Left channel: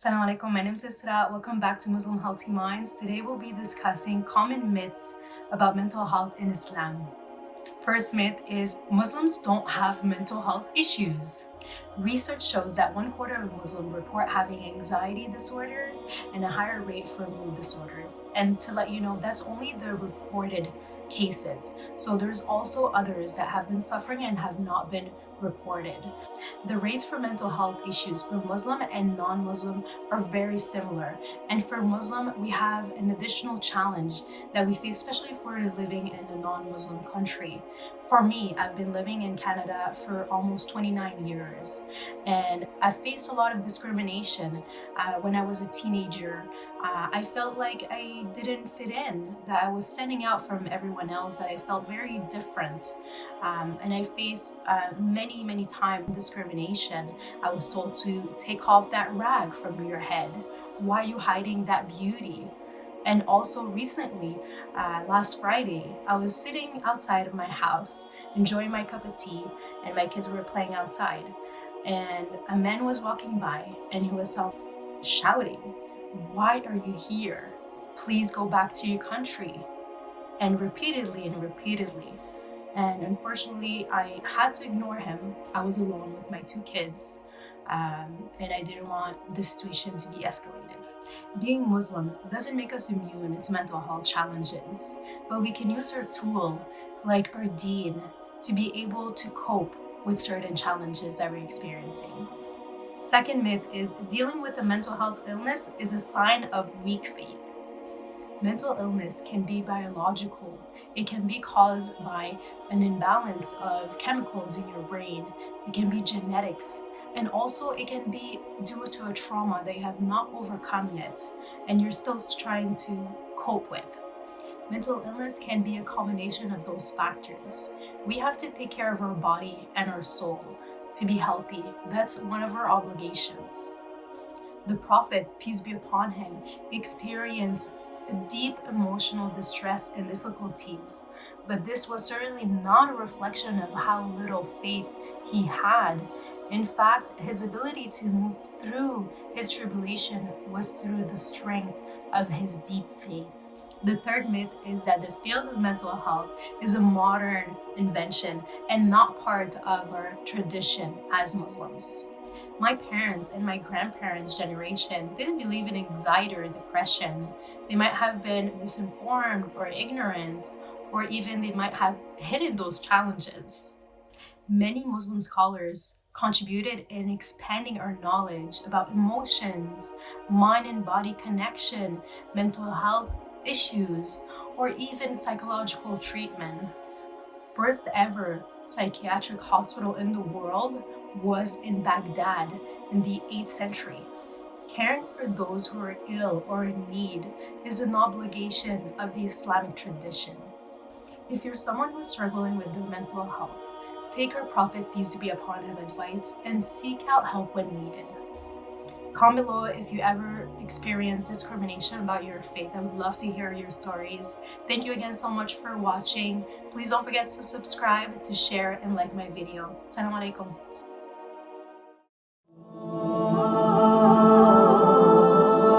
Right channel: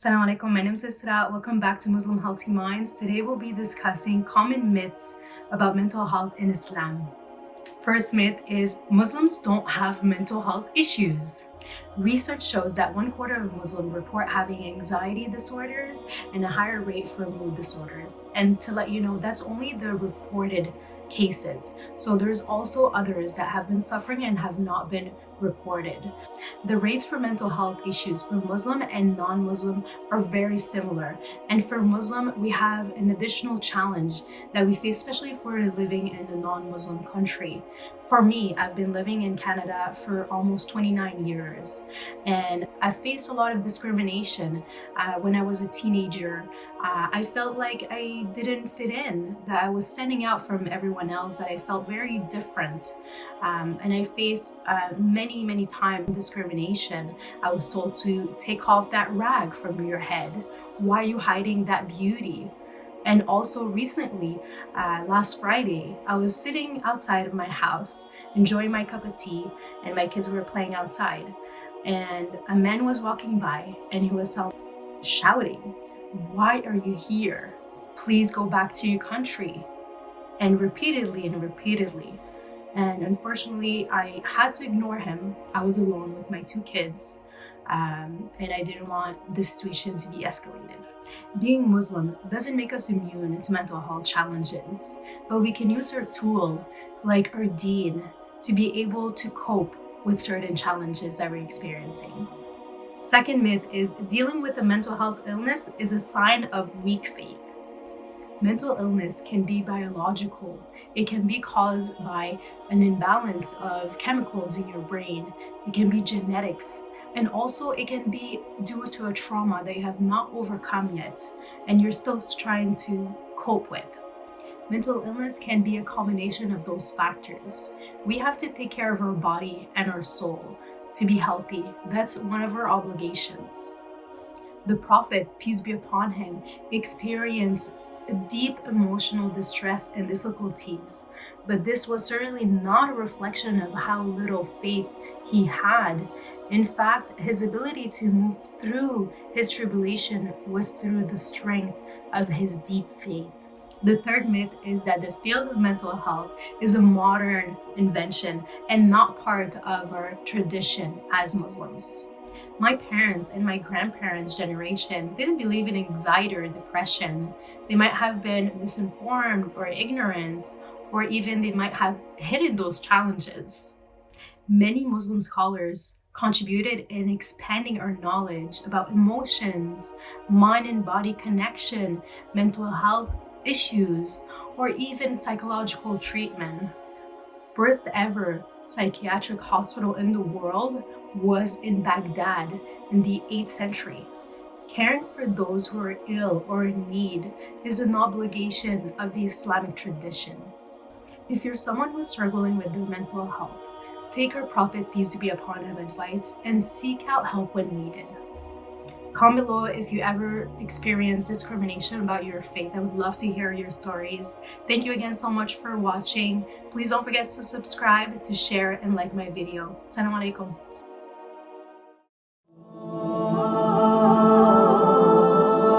Assalamu alaikum, my name is Isra. Welcome back to Muslim Healthy Minds. Today we'll be discussing common myths about mental health in Islam. First myth is Muslims don't have mental health issues. Research shows that 1/4 of Muslims report having anxiety disorders and a higher rate for mood disorders. And to let you know, that's only the reported cases. So there's also others that have been suffering and have not been reported. The rates for mental health issues for Muslim and non-Muslim are very similar. And for Muslim, we have an additional challenge that we face, especially if we're living in a non-Muslim country. For me, I've been living in Canada for almost 29 years, and I faced a lot of discrimination when I was a teenager. I felt like I didn't fit in, that I was standing out from everyone else, that I felt very different. And I faced many times discrimination. I was told to take off that rag from your head. Why are you hiding that beauty? And also recently, last Friday, I was sitting outside of my house, enjoying my cup of tea, and my kids were playing outside. And a man was walking by and he was shouting, "Why are you here? Please go back to your country." And repeatedly and repeatedly. And unfortunately, I had to ignore him. I was alone with my 2 kids, and I didn't want the situation to be escalated. Being Muslim doesn't make us immune to mental health challenges, but we can use our tool, like our Deen, to be able to cope with certain challenges that we're experiencing. Second myth is dealing with a mental health illness is a sign of weak faith. Mental illness can be biological. It can be caused by an imbalance of chemicals in your brain. It can be genetics. And also it can be due to a trauma that you have not overcome yet and you're still trying to cope with. Mental illness can be a combination of those factors. We have to take care of our body and our soul to be healthy. That's one of our obligations. The Prophet, peace be upon him, experienced deep emotional distress and difficulties, but this was certainly not a reflection of how little faith he had. In fact, his ability to move through his tribulation was through the strength of his deep faith. The third myth is that the field of mental health is a modern invention and not part of our tradition as Muslims. My parents and my grandparents' generation didn't believe in anxiety or depression. They might have been misinformed or ignorant, or even they might have hidden those challenges. Many Muslim scholars contributed in expanding our knowledge about emotions, mind and body connection, mental health issues, or even psychological treatment. First ever psychiatric hospital in the world was in Baghdad in the 8th century. Caring for those who are ill or in need is an obligation of the Islamic tradition. If you're someone who's struggling with their mental health, take our Prophet, peace be upon him, advice and seek out help when needed. Comment below if you ever experience discrimination about your faith. I would love to hear your stories. Thank you again so much for watching. Please don't forget to subscribe, to share, and like my video. Assalamu alaikum.